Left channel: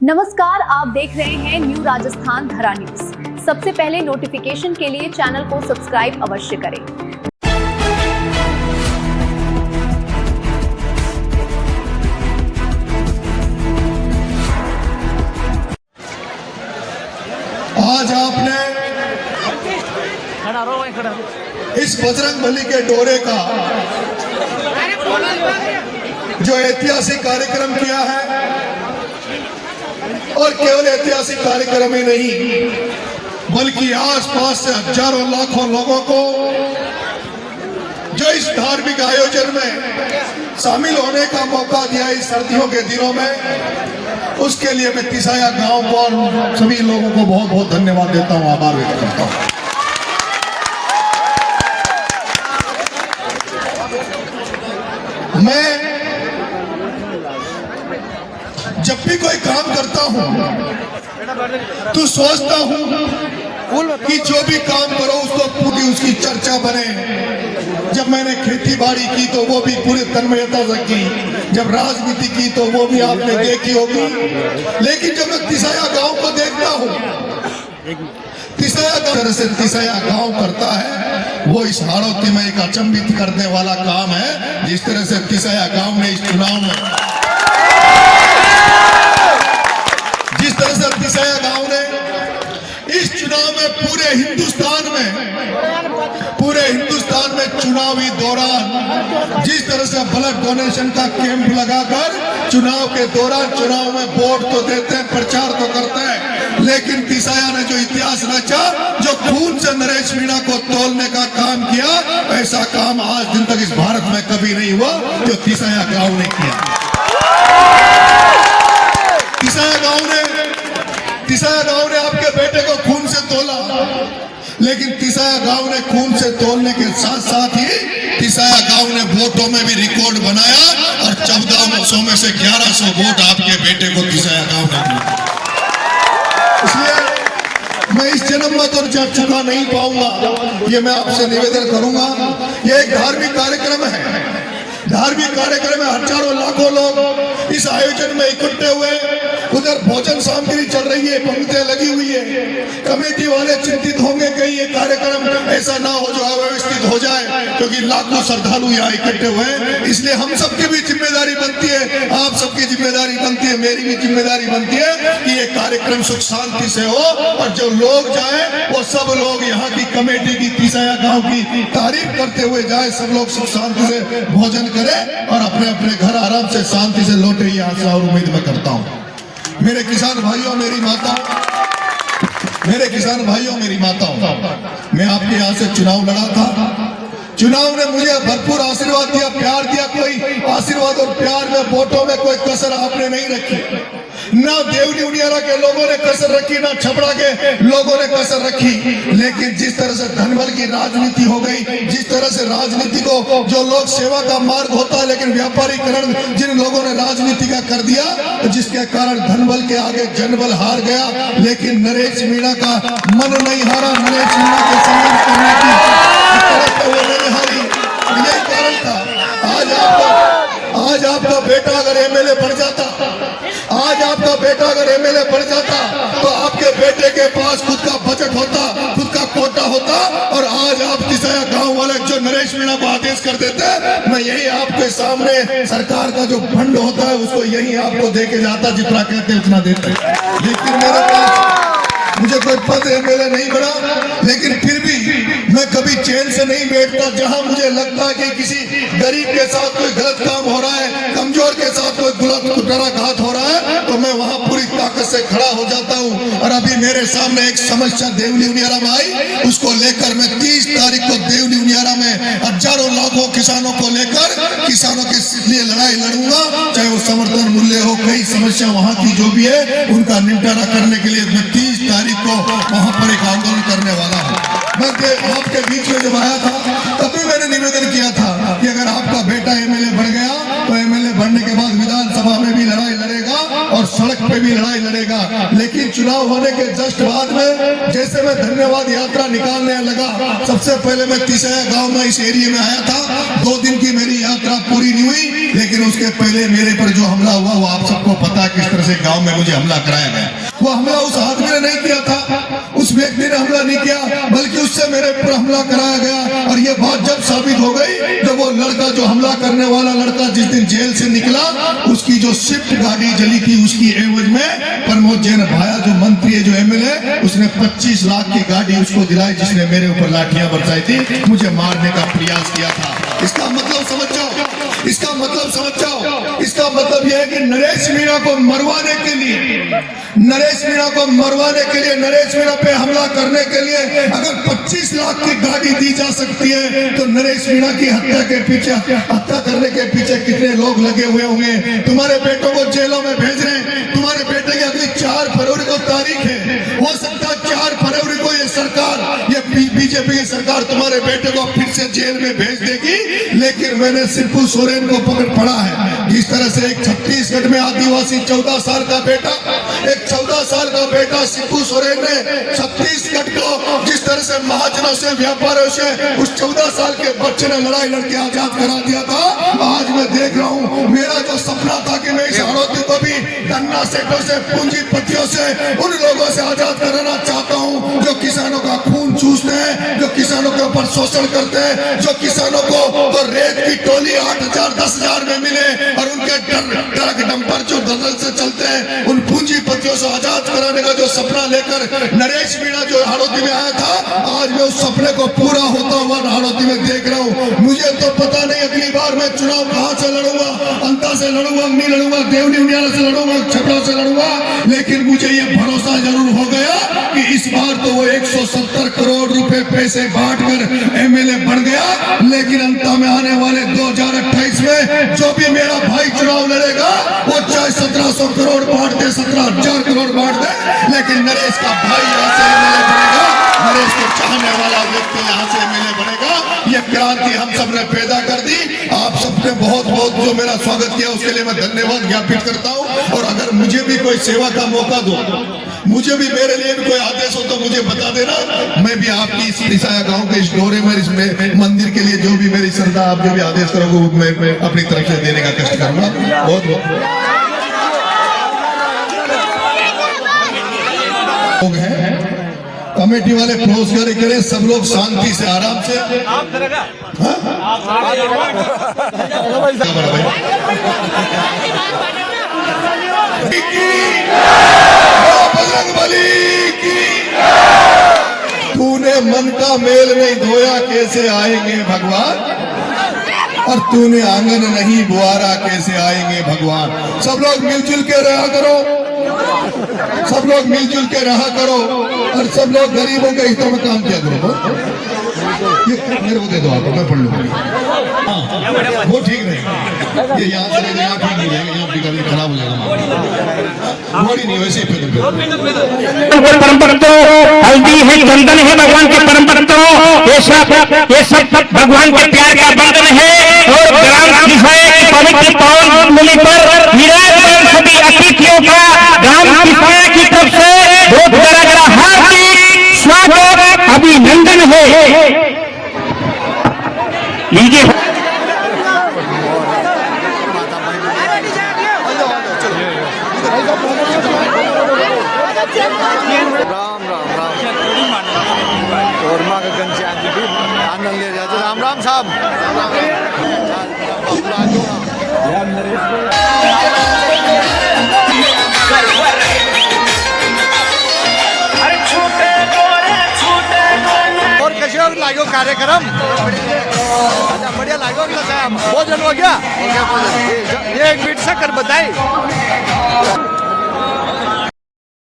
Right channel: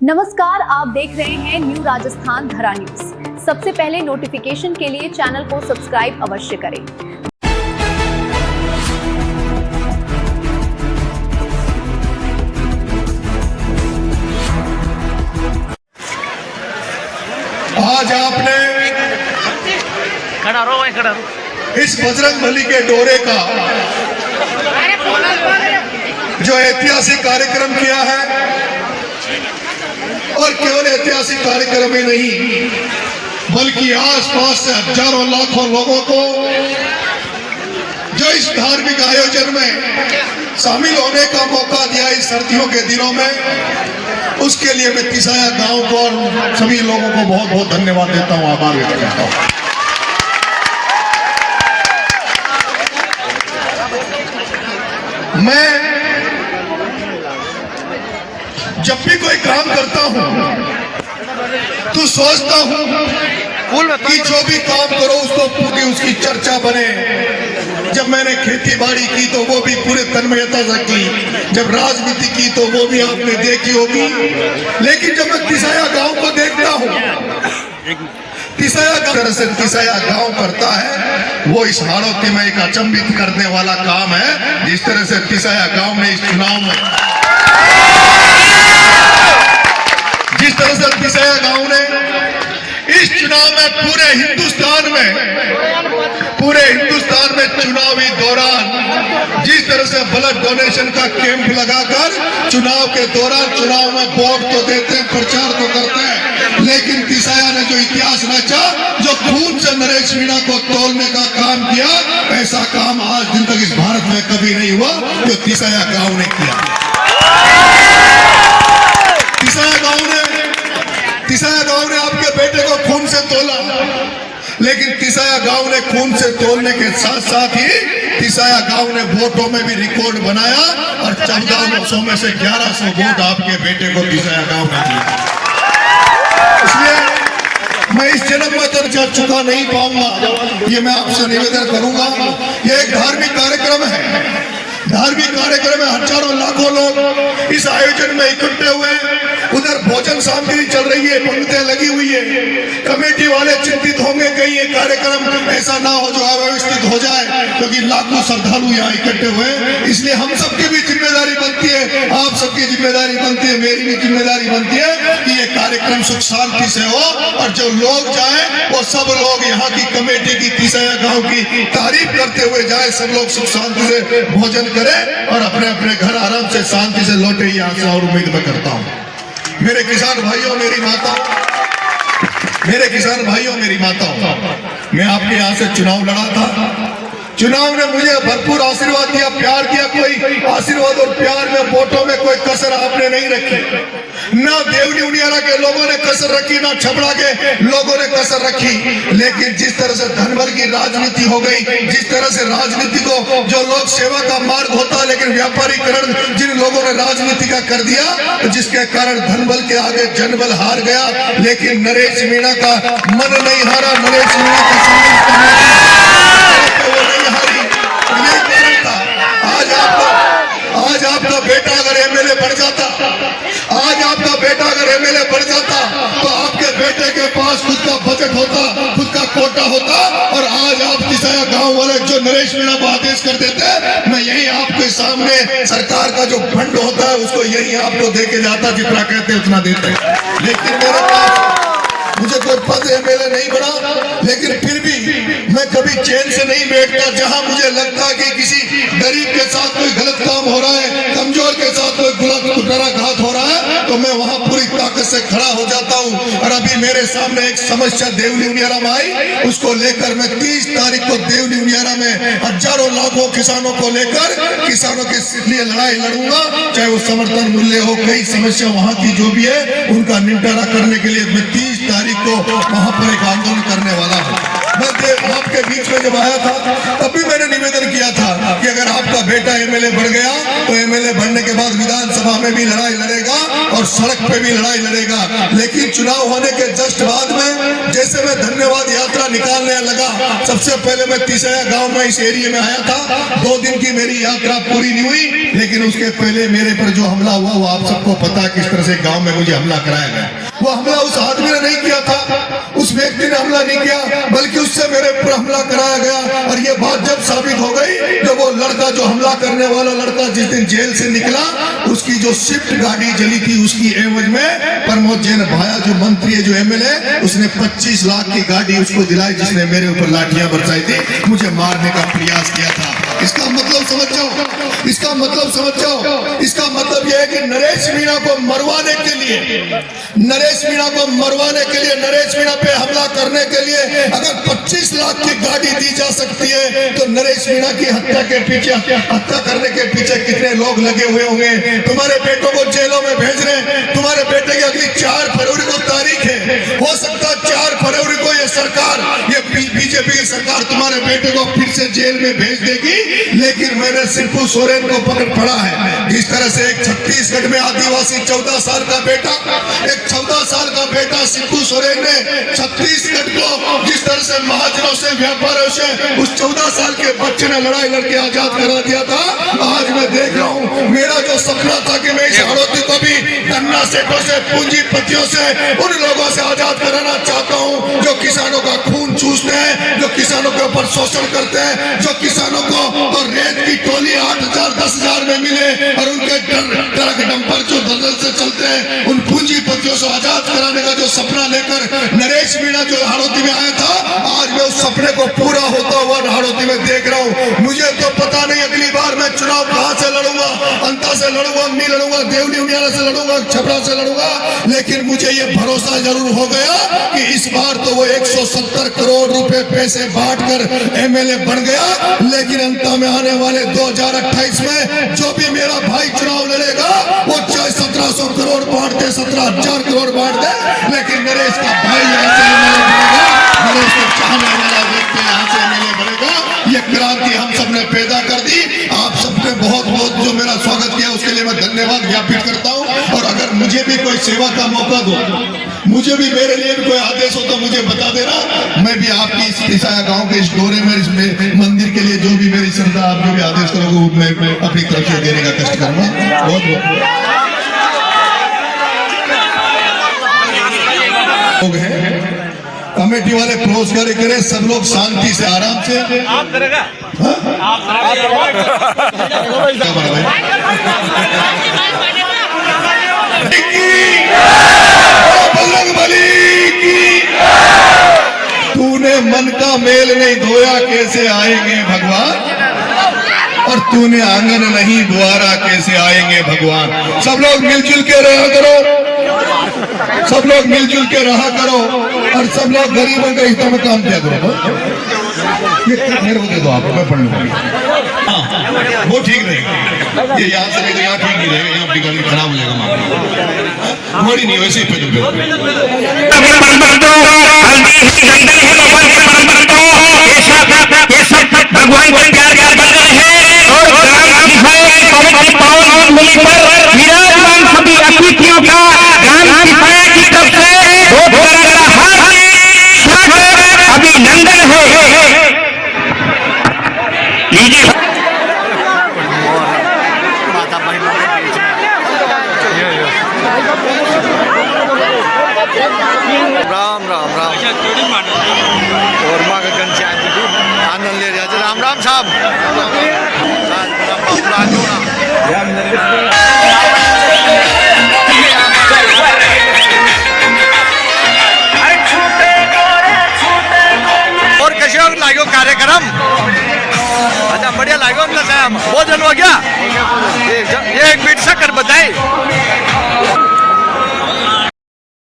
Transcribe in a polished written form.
नमस्कार, आप देख रहे हैं न्यू राजस्थान धरा न्यूज। सबसे पहले नोटिफिकेशन के लिए चैनल को सब्सक्राइब अवश्य करें। आज आपने खड़ा रहो। इस बजरंगबली के डोरे का जो ऐतिहासिक कार्यक्रम किया है, और केवल ऐतिहासिक कार्यक्रम ही नहीं बल्कि आसपास से हजारों लाखों लोगों को जो इस धार्मिक आयोजन में शामिल होने का मौका दिया इस सर्दियों के दिनों में, उसके लिए मैं तिसाया गांव को और सभी लोगों को बहुत बहुत धन्यवाद देता हूं, आभार व्यक्त करता हूं। मैं जब भी कोई काम करता हूं तो सोचता हूं कि जो भी काम करो उसको पूरी उसकी चर्चा बने। जब मैंने खेती बाड़ी की तो वो भी पूरे तन्मयता से की, जब राजनीति की तो वो भी आपने देखी होगी। लेकिन जब मैं तिसाया गांव को देखता हूं, तिसाया गांव करता है वो इस हाड़ौती में एक अचंभित करने वाला काम है। जिस तरह से तिसाया गांव ने इस चुनाव में, जिस तरह से तिसाया गांव ने इस चुनाव में पूरे हिंदुस्तान में चुनावी दौरान जिस तरह से ब्लड डोनेशन का कैंप लगाकर चुनाव के दौरान चुनाव में वोट तो देते हैं, प्रचार तो करते हैं, लेकिन तिसाया ने जो इतिहास रचा, जो खून से नरेश मीणा को तोलने का काम किया, ऐसा काम आज दिन तक इस भारत में कभी नहीं हुआ जो तिसाया गांव ने किया। तिसाया गांव ने आपके बेटे को खून से तोला, लेकिन तिसाया गांव ने खून से तोलने के साथ साथ ही तिसाया गांव ने वोटों में भी रिकॉर्ड बनाया और 1400 में से 1100 वोट आपके बेटे को तिसाया गांव ने दिए। इसलिए मैं इस जन्म में तो चुका नहीं पाऊंगा, ये मैं आपसे निवेदन करूंगा। ये एक धार्मिक कार्यक्रम है, धार्मिक कार्यक्रम में हजारों लाखों लोग इस आयोजन में इकट्ठे हुए। उधर भोजन सामग्री चल रही है, पंक्तियां लगी हुई है। कमेटी वाले चिंतित होंगे कहीं ये कार्यक्रम ऐसा ना हो जो अव्यवस्थित हो जाए, क्योंकि लाखों श्रद्धालु यहाँ इकट्ठे हुए। इसलिए हम सबकी भी जिम्मेदारी बनती है, आप सबकी जिम्मेदारी बनती है, मेरी भी जिम्मेदारी बनती है कि ये कार्यक्रम सुख शांति से हो और जो लोग जाए वो सब लोग यहाँ की कमेटी की, तिसाया गाँव की तारीफ करते हुए जाए। सब लोग सुख शांति से भोजन करें और अपने अपने घर आराम से शांति से लौटे, ये आशा और उम्मीद मैं करता हूँ। मेरे किसान भाइयों, मेरी माताओं, मैं आपके यहाँ से चुनाव लड़ा था। चुनाव ने मुझे भरपूर आशीर्वाद दिया, प्यार दिया। कोई आशीर्वाद और प्यार में, वोटों में कोई कसर आपने नहीं रखी। ना देवली उनियारा के लोगों ने कसर रखी, ना छपड़ा के लोगों ने कसर रखी। लेकिन जिस तरह से धनबल की राजनीति हो गई, जिस तरह से राजनीति को जो लोग सेवा का मार्ग होता, लेकिन व्यापारीकरण जिन लोगों ने राजनीति का कर दिया, जिसके कारण धनबल के आगे जनबल हार गया। लेकिन नरेश मीणा का मन नहीं हारा, नरेश मीणा का संघर्ष करने की वो नहीं हारी। यही कारण था। आज आपका बेटा अगर एमएलए बन जाता, तो आपके बेटे के पास खुद का बजट होता, खुद का कोटा होता, और आज आप तिसाया गांव वाले जो नरेश मीणा को आदेश कर देते, मैं यही आपके सामने सरकार का जो फंड होता है उसको यही आपको दे के जाता, जितना कहते उतना देते। लेकिन मेरे पास मुझे कोई पद एमएलए नहीं बना, लेकिन फिर भी मैं कभी चैन से नहीं बैठता। जहां मुझे लगता है कि किसी गरीब के साथ कोई गलत काम हो रहा है, कमजोर के साथ कोई कुठाराघात हो रहा है, तो मैं वहां पूरी ताकत से खड़ा हो जाता हूं। और अभी मेरे सामने एक समस्या देवली उनियारा में आई, उसको लेकर मैं 30 तारीख को देवली उनियारा में हजारों लाखों किसानों को लेकर किसानों के लिए लड़ाई लड़ूंगा। चाहे वो समर्थन मूल्य हो, कई समस्या वहां की जो भी है उनका निपटारा करने के लिए मैं 30 तारीख को वहां पर एक आंदोलन करने वाला हूं। मैं आपके बीच में जब आया था तभी मैंने निवेदन किया था कि अगर आपका बेटा एमएलए बन गया तो एमएलए बनने के बाद विधानसभा में भी लड़ाई लड़ेगा और सड़क पे भी लड़ाई लड़ेगा। लेकिन चुनाव होने के जस्ट बाद में जैसे मैं धन्यवाद यात्रा निकालने लगा, सबसे पहले मैं तिसया गांव में इस एरिया में आया था। 2 दिन की मेरी यात्रा पूरी नहीं हुई, लेकिन उसके पहले मेरे पर जो हमला हुआ वो आप सबको पता है किस तरह से गांव में मुझे हमला कराया गया। वो हमला उस आदमी ने नहीं किया था, उस व्यक्ति ने हमला नहीं किया, बल्कि उससे मेरे पर हमला कराया गया। और ये बात जब साबित हो गई तो वो लड़का, जो हमला करने वाला लड़का जिस दिन जेल से निकला, उसकी जो स्विफ्ट गाड़ी जली थी उसकी एवज में प्रमोद जैन भाया जो मंत्री है, जो एमएलए, उसने 25 लाख की गाड़ी उसको दिलाई, जिसने मेरे ऊपर लाठियां बरसाई थी, मुझे मारने का प्रयास किया था। इसका मतलब समझ जाओ, इसका मतलब समझ जाओ। इसका मतलब यह है कि नरेश मीणा को मरवाने के लिए, नरेश मीणा को मरवाने के लिए, नरेश मीणा पे हमला करने के लिए अगर 25 लाख की गाड़ी दी जा सकती है, तो नरेश मीणा की हत्या के पीछे, हत्या करने के पीछे कितने लोग लगे हुए होंगे। तुम्हारे बेटों को जेलों में भेज रहे हैं, तुम्हारे बेटे की अगली 4 फरवरी को तारीख है। हो सकता है 4 फरवरी को ये सरकार, ये बीजेपी की सरकार तुम्हारे बेटे को फिर से जेल में भेज देगी। लेकिन मैंने शिबू सोरेन को पढ़ा है, जिस तरह से एक छत्तीसगढ़ में आदिवासी 14 साल का बेटा, एक 14 साल का बेटा शिबू सोरेन ने छत्तीसगढ़ को जिस तरह से महाजनों से, व्यापारियों से, उस 14 साल के बच्चे ने लड़ाई लड़के आजाद करा दिया था। आज मैं देख रहा हूँ, मेरा जो सपना था कि मैं इस हड़ौती को भी गन्ना सेठों से, पूंजीपतियों से, उन लोगों से आजाद कराना चाहता हूँ जो किसानों का खून चूसते हैं, जो किसानों के ऊपर शोषण करते हैं, जो किसानों को तो रेत की टोली 8,000 10,000 में मिले और उनके ट्रक डंपर जो दलदल से चलते हैं, उन पूंजीपतियों से आजाद कराने का जो सपना लेकर नरेश मीणा जो हड़ौती में आया था, आज मैं उस सपने को पूरा होता हुआ हड़ौती में देख रहा हूँ। मुझे तो पता नहीं अगली बार मैं चुनाव कहां से लड़ूंगा, अंता से लड़ूंगा, नहीं लड़ूंगा, देवनी उनियाला से लड़ूंगा, छपरा से लड़ूंगा, लेकिन मुझे ये भरोसा जरूर हो गया कि इस बार तो वो 170 करोड़ रुपए पैसे बांटकर एमएलए बन गया। लेकिन अंत में आने वाले 2028 में जो भी मेरा भाई चुनाव लड़ेगा, वो चाहे 1700 करोड़ बांट दे, 17,000 करोड़ बांट दे, लेकिन नरेश का भाई यहाँ से एमएलए बनेगा, नरेश को चाहने वाला व्यक्ति यहाँ से एमएलए बनेगा। ये क्रांति हम सबने पैदा कर दी। आप सबने बहुत बहुत जो मेरा स्वागत किया उसके लिए मैं धन्यवाद ज्ञापित करता हूँ। और अगर मुझे भी कोई सेवा का मौका दो, मुझे भी, मेरे लिए भी कोई आदेश हो तो मुझे बता देना। मैं भी आपकी इस तिसया गांव के इस डोरे में, इस मंदिर के लिए जो भी मेरी श्रद्धा, आप जो भी आदेश करोगे मैं अपनी तरफ से देने का कष्ट करूंगा। बहुत बहुत लोग हैं, कमेटी वाले पुरस्कार करे, सब लोग शांति से, आराम से। बजरंगबली की। तूने मन का मेल नहीं धोया, कैसे आएंगे भगवान, और तूने आंगन नहीं बुआरा, कैसे आएंगे भगवान। सब लोग मिलजुल के रहा करो, सब लोग मिलजुल के रहा करो, और सब लोग गरीबों के हितों में काम किया करो। ये मेरे को दे दो, आप मैं पढ़ लूंगा। वो ठीक रहेगा, ये यहाँ से यहाँ ठीक नहीं रहेगा, यहाँ आपकी गाड़ी खराब हो जाएगा। मोड़ी नहीं, वैसे ही परम भक्तों, हल्दी है, चंदन है, भगवान के परम भक्तों, ये सब भगवान के प्यार का बंधन है। और गांव की है पवित्र पावन भूमि पर विराजमान सभी अतिथियों का गांव की सभा की तरफ से बहुत बड़ा हार्दिक स्वागत, अभिनंदन है। लीजिए राम राम राम और माँ का घनश्याम जी को आनंद ले जाते। राम राम साहब, और कैसे लागो कार्यक्रम? अच्छा बढ़िया लागो ना साहब, भोजन हो गया? ये एक बीट शक्कर बताए।